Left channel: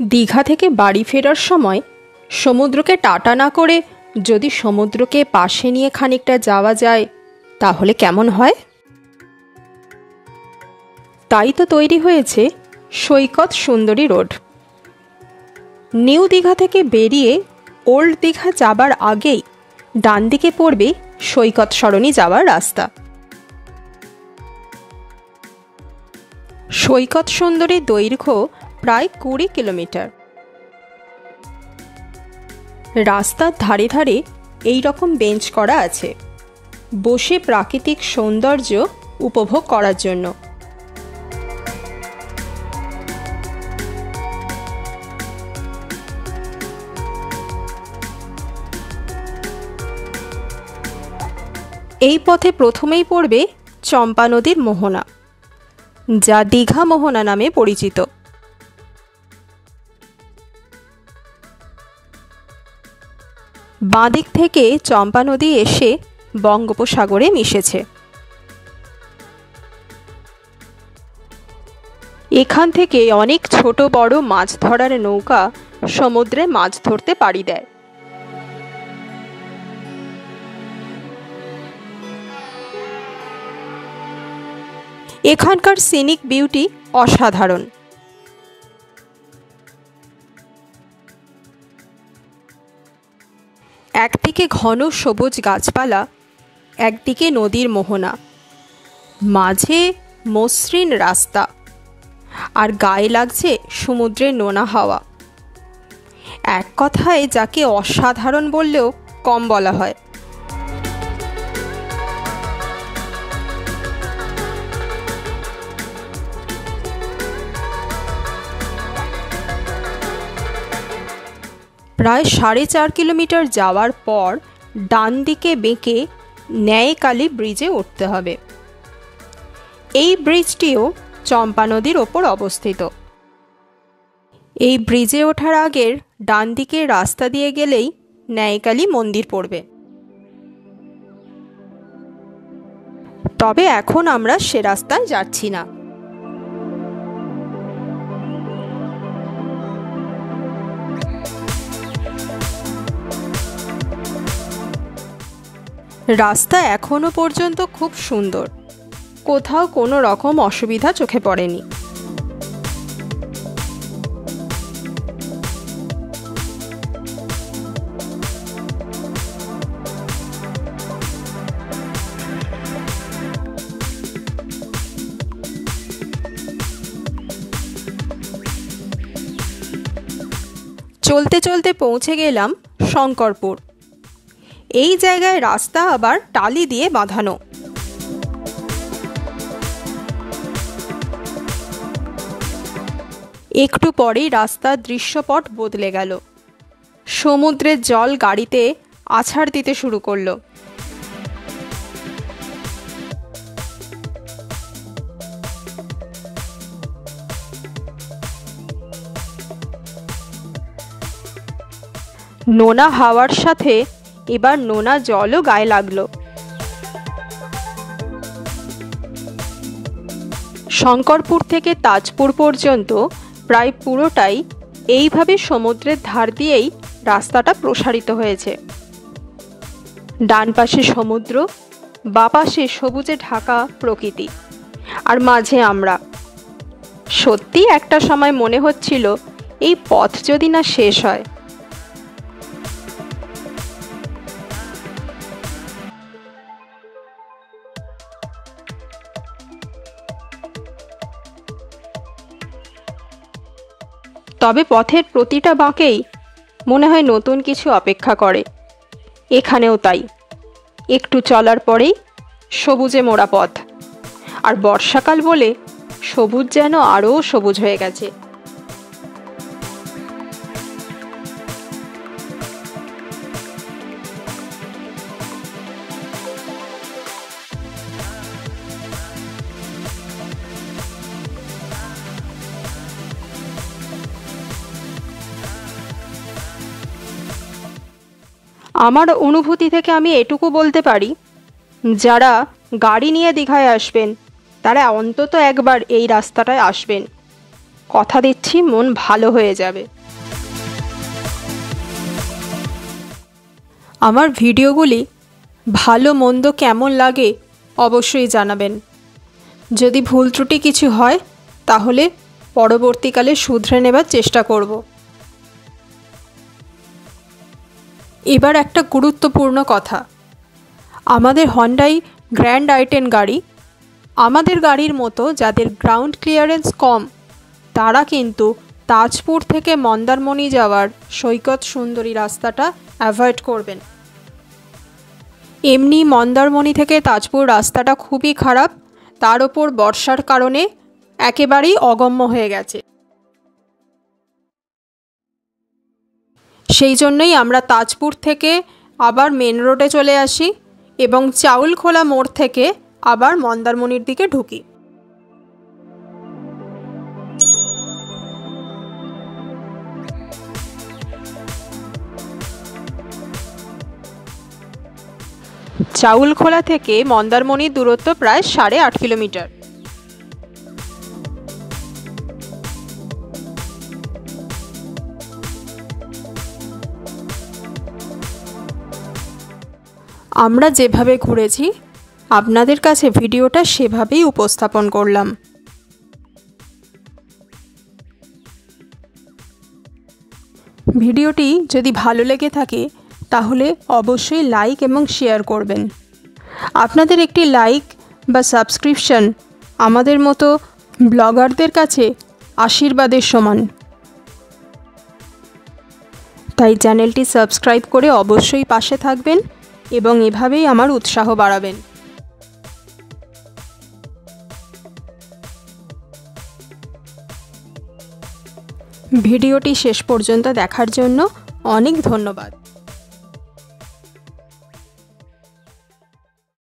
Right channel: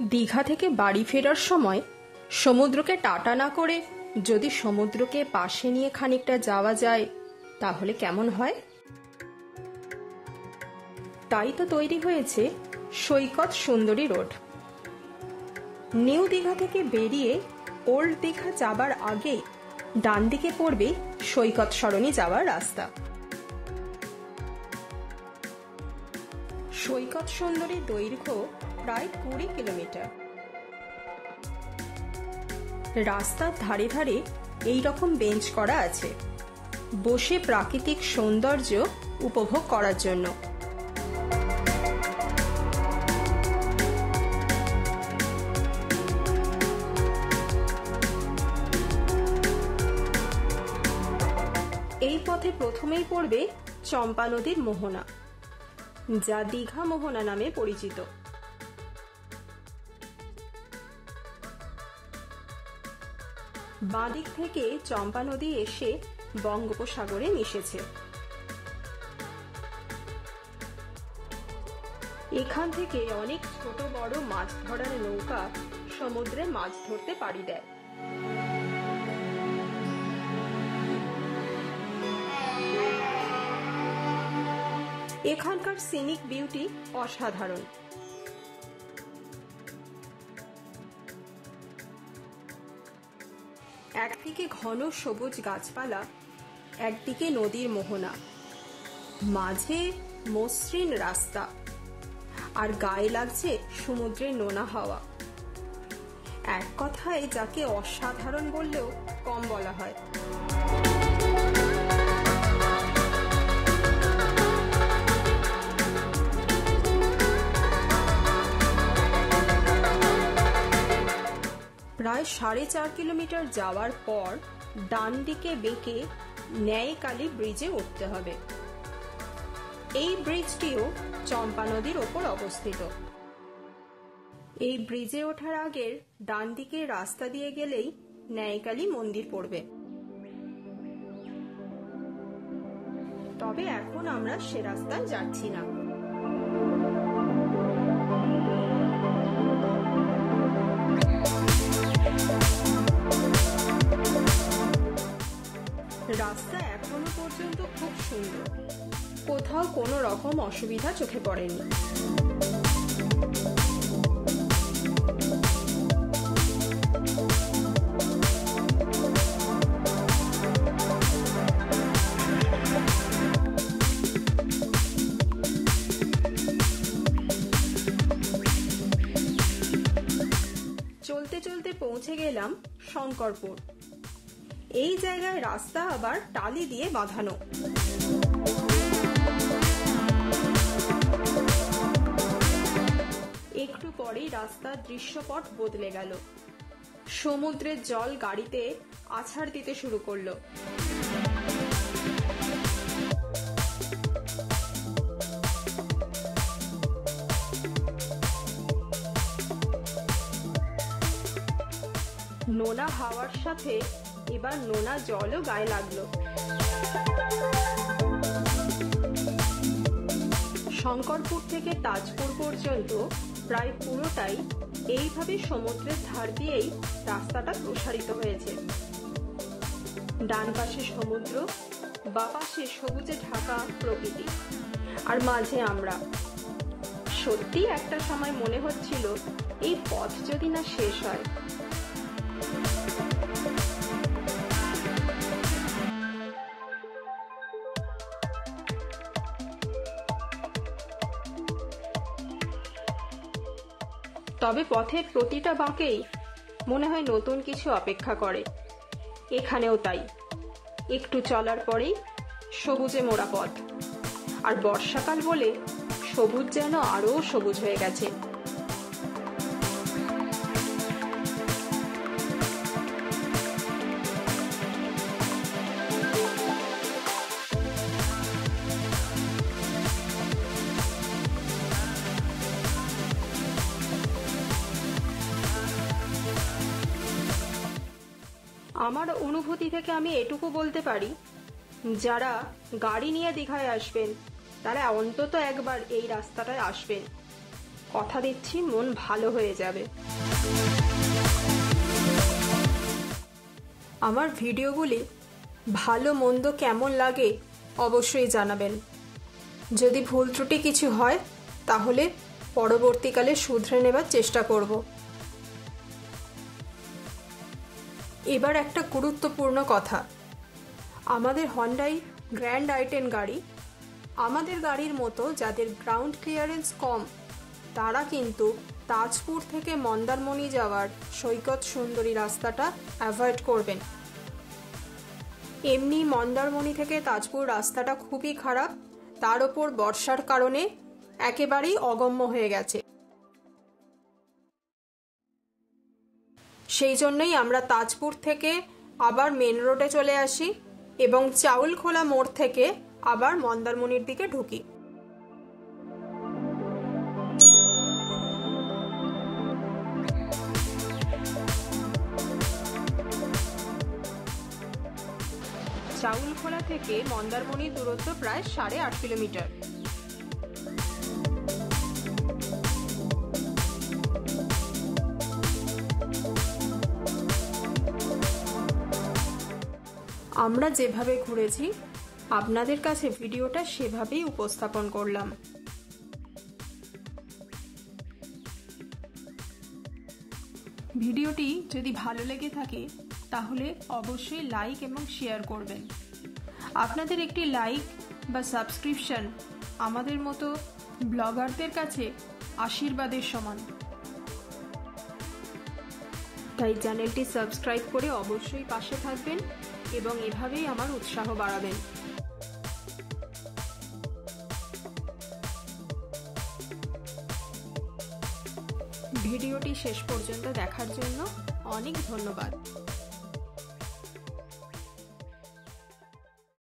দীঘা থেকে বাড়ি ফেরার সময় সমুদ্রকে টাটা না করে যদি সমুদ্রকে পাশে নিয়ে খানিকটা যাওয়া যায় তাহলে কেমন হয়? তাই তো তৈরি হয়েছে সৈকত সুন্দরী রোড। নিউ দীঘা থেকে বেরিয়ে ওল্ড দীঘা যাবার আগেই ডান দিকে পড়বে সৈকত সরণি যাওয়ার রাস্তা। সৈকত সুন্দরীর দৈর্ঘ্য প্রায় 20 কিলোমিটার। রাস্তার ধারে ধারে এই রকম বেঞ্চ করা আছে বসে প্রাকৃতিক সৌন্দর্য উপভোগ করার জন্য। এই পথে প্রথমেই পড়বে চম্পা নদীর মোহনা, যা দীঘা মোহনা নামে পরিচিত। বাঁদিক থেকে চম্পা নদী এসে বঙ্গোপসাগরে মিশেছে। এখান থেকে অনেক ছোট বড় মাছ ধরার নৌকা সমুদ্রে মাছ ধরতে পাড়ি দেয়। এখানকার সিনিক বিউটি অসাধারণ। একদিকে ঘন সবুজ গাছপালা, একদিকে নদীর মোহনা, মাঝে মসৃণ রাস্তা, আর গায়ে লাগছে সমুদ্রের নোনা হাওয়া। এক কথায় যাকে অসাধারণ বললেও কম বলা হয়। প্রায় 4.5 কিলোমিটার যাওয়ার পর ডান দিকে বেঁকে ন্যায়কালী ব্রিজে উঠতে হবে। এই ব্রিজটিও চম্পা নদীর ওপর অবস্থিত। এই ব্রিজে ওঠার আগের ডান দিকের রাস্তা দিয়ে গেলেই ন্যায়কালী মন্দির পড়বে। তবে এখন আমরা সে রাস্তায় যাচ্ছি না। রাস্তা এখনো পর্যন্ত খুব সুন্দর, কোথাও কোনো রকম অসুবিধা চোখে পড়েনি। চলতে চলতে পৌঁছে গেলাম শঙ্করপুর। এই জায়গায় রাস্তা আবার টালি দিয়ে বাঁধানো। একটু পরেই রাস্তার দৃশ্যপট বদলে গেল। সমুদ্রের জল গাড়িতে আছাড় দিতে শুরু করলো। নোনা হাওয়ার সাথে এবার নোনা জলও গায়ে লাগলো। শঙ্করপুর থেকে তাজপুর পর্যন্ত প্রায় পুরোটাই এইভাবে সমুদ্রের ধার দিয়েই রাস্তাটা প্রসারিত হয়েছে। ডান পাশে সমুদ্র, বাঁ পাশে সবুজে ঢাকা প্রকৃতি, আর মাঝে আমরা। সত্যি একটা সময় মনে হচ্ছিল এই পথ যদি না শেষ হয়। তবে পথের প্রতিটা বাঁকেই মনে হয় নতুন কিছু অপেক্ষা করে। এখানেও তাই। একটু চলার পরেই সবুজে মোড়া পথ, আর বর্ষাকাল বলে সবুজ যেন আরও সবুজ হয়ে গেছে। আমার অনুভূতি থেকে আমি এটুকু বলতে পারি, যারা গাড়ি নিয়ে দীঘায় আসবেন তারা অন্তত একবার এই রাস্তাটায় আসবেন। কথা দিচ্ছি মন ভালো হয়ে যাবে। আমার ভিডিওগুলি ভালো মন্দ কেমন লাগে অবশ্যই জানাবেন। যদি ভুল ত্রুটি কিছু হয় তাহলে পরবর্তীকালে শুধরে নেবার চেষ্টা করব। এবার একটা গুরুত্বপূর্ণ কথা, আমাদের হন্ডাই গ্র্যান্ড i10 গাড়ি, আমাদের গাড়ির মতো যাদের গ্রাউন্ড ক্লিয়ারেন্স কম তারা কিন্তু তাজপুর থেকে মন্দারমণি যাওয়ার সৈকত সুন্দরী রাস্তাটা অ্যাভয়েড করবেন। এমনি মন্দারমণি থেকে তাজপুর রাস্তাটা খুবই খারাপ, তার ওপর বর্ষার কারণে একেবারেই অগম্য হয়ে গেছে। সেই জন্যই আমরা তাজপুর থেকে আবার মেন রোডে চলে আসি এবং চাউলখোলা মোড় থেকে আবার মন্দারমণির দিকে ঢুকি। চাউলখোলা থেকে মন্দারমণির দূরত্ব প্রায় 8.5 কিলোমিটার। আমরা যেভাবে ঘুরেছি আপনাদের কাছে ভিডিওটা সেভাবেই উপস্থাপন করলাম। ভিডিওটি যদি ভালো লেগে থাকে তাহলে অবশ্যই লাইক এবং শেয়ার করবেন। আপনাদের একটি লাইক বা সাবস্ক্রিপশন আমাদের মতো ব্লগারদের কাছে আশীর্বাদের সমান। তাই চ্যানেলটি সাবস্ক্রাইব করে অবশ্যই পাশে থাকবেন এবং এভাবেই আমার উৎসাহ বাড়াবেন। ভিডিওটি শেষ পর্যন্ত দেখার জন্য অনেক ধন্যবাদ।